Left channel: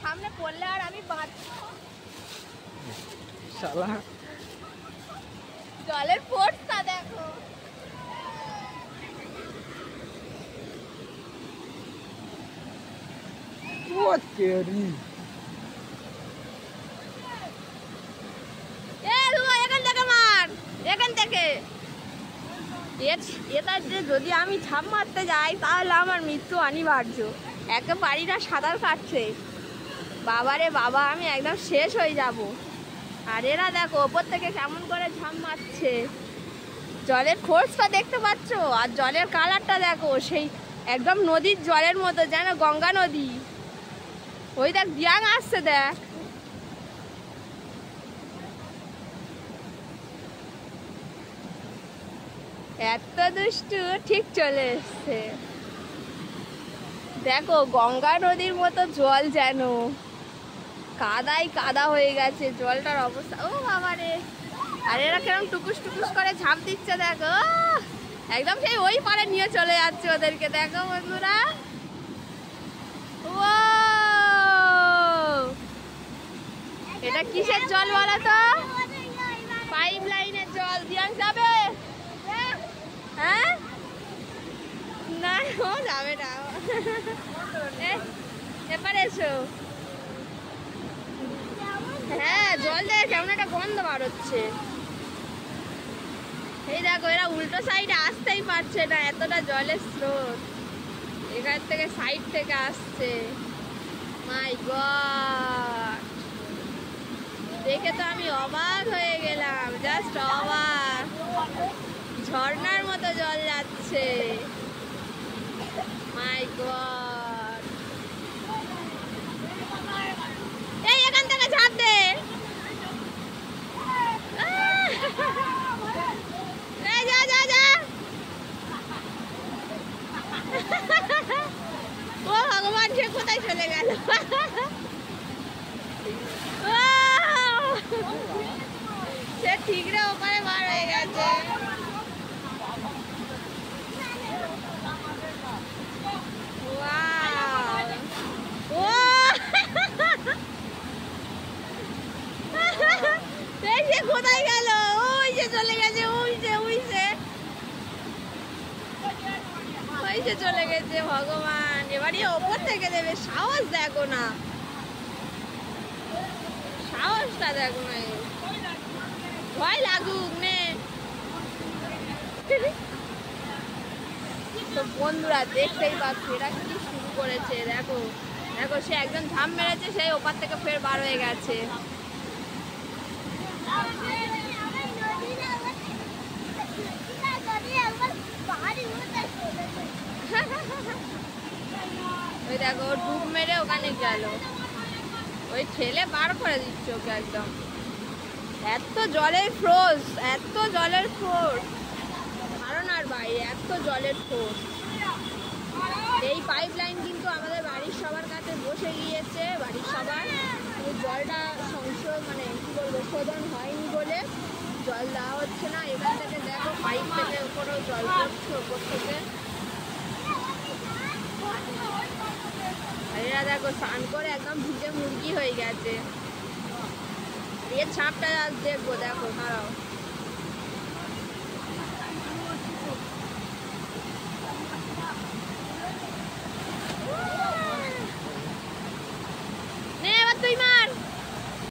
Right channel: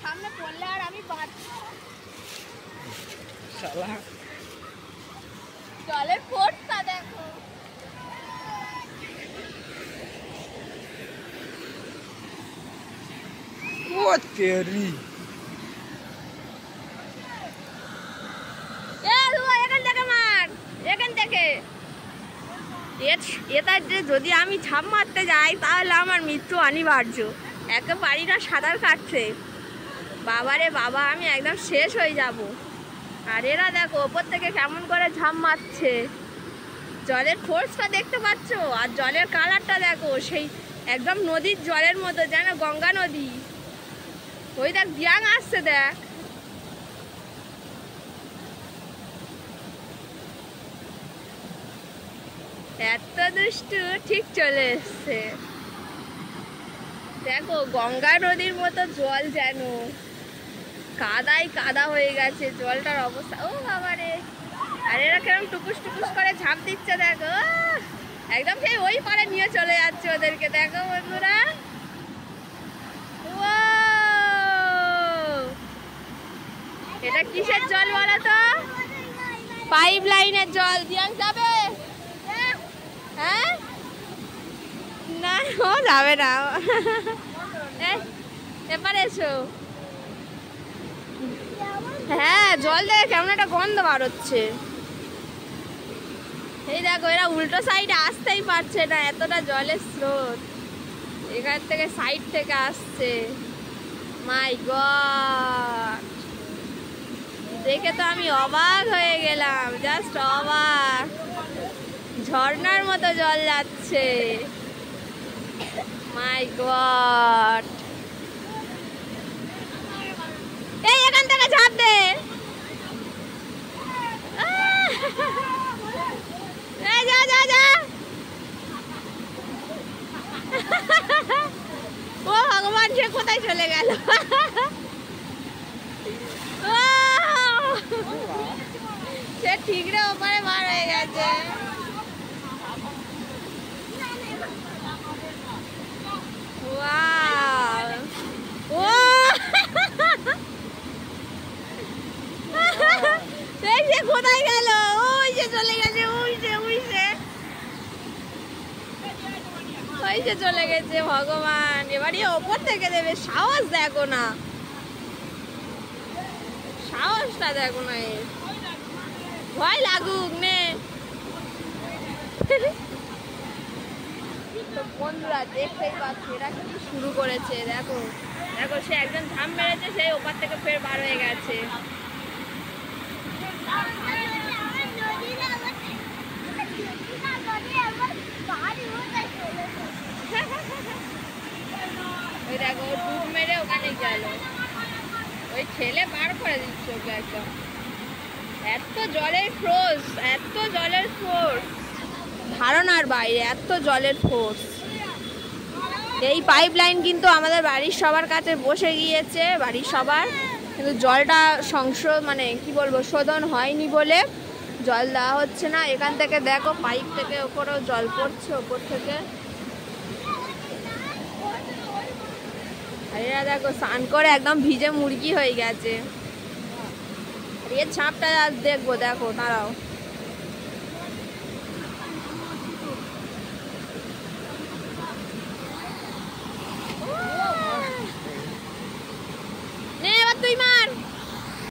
সামনে পড়লে আর আমি বাঁচবো জলের ফোর্সটা দেখো। এখান থেকে যদি আমি ঝাঁপ মারতে যাই তাহলে আমার মৃত্যু অনিবার্য। একে পারি না সাঁতার কাটছে, বাবারে বাবা, আমি একদম শেষ হয়ে যাব। আর এরা দেখো ওপর থেকে কেমন করে ঝাঁপ মারছে, জলের ফোর্সটা দেখতে পাচ্ছ? আর জলের কালারটা দেখো, সেই একদম নদীর জলের মতো, যেন গঙ্গা নদী। ওই দেখ বিয়াং আসছে, দেখ। এত দুষ্টু, ঠিক চলে এসছে। দেখো গঙ্গা নদীর মতো জল, যেন কাদাই কাদা হয়ে গেছে জলটার অবস্থা। ও বাবা রে! আর এরা কিরকম টুকুস টুকুস করে ঝাঁপ দিচ্ছে দেখো, একদম সেই ওই পারে নিয়ে চলে যাচ্ছে ওদেরকে। দেখো বন্ধুরা, এটা কিসের জল বলো তো? পাইপ লাইনের জল। দিয়াং যাবে? হ্যাঁ, না ও যাবে না। এবার এসো। হ্যাঁ, জল দেখে কেমন একটা গন্ধ বার হচ্ছে। এই দেখো, এরা উল্টো সাইডে আসতেই পারছে না, এতটা জলের স্রোত এখান থেকে, সাইড থেকে আসছে। মাই গড, দেখে তো আমি অবাক হয়ে গেলাম, জাস্ট অবাক। ঝর্ণার মতো জল যাচ্ছে, মাই গড। এই এখান থেকে ঝাঁপ দে। যা যা যা। ও ভগবান, সে কোথায় চলে গেল? সে ঠিকরে ওপারে বার হয়ে গেছে। ও সে কোথায় গেল? ওই যে চলে গেছে, ওই যে চলে গেছে। ভগবান, এবারে ওপর থেকে দেবে। সাহস দেখো না, সাহসটা দেখো না, ভয় লাগুক নে। তো বন্ধুরা দেখতেই পাচ্ছি এরা কি শুরু করেছে। দেখো দেখো, সে একজন ঝাঁপ মেরেছে, সেই ওপার থেকে ফের বার হয়ে গেছে। ওই দেখো, ডুব মেরে ওখানে গেল, ওই ঠেলে বার করে দিচ্ছে ওকে একদম। এত জলের ফোর্স, এত জলের ফোর্স, ধারণার বাইরে, এত জলের ফোর্স। এই পাইপ লাইন কিন্তু আমাদের বাড়ির সবার কাছে বসে গিয়েছে, বাড়ির সবার, কিন্তু জলটা মানে কি বলবো, শোধন হয়নি বলে জল দেওয়া হচ্ছে না। এখান থেকে দেখো, পাইপ থেকে ওপরেও জল পড়ছে, ওপর থেকে। এরা দেখো স্নান করে একদম ভিজে মুরগি হয়ে গেছে। এর ছাপটা আজ দেখবো, দেখো দাঁড়াও।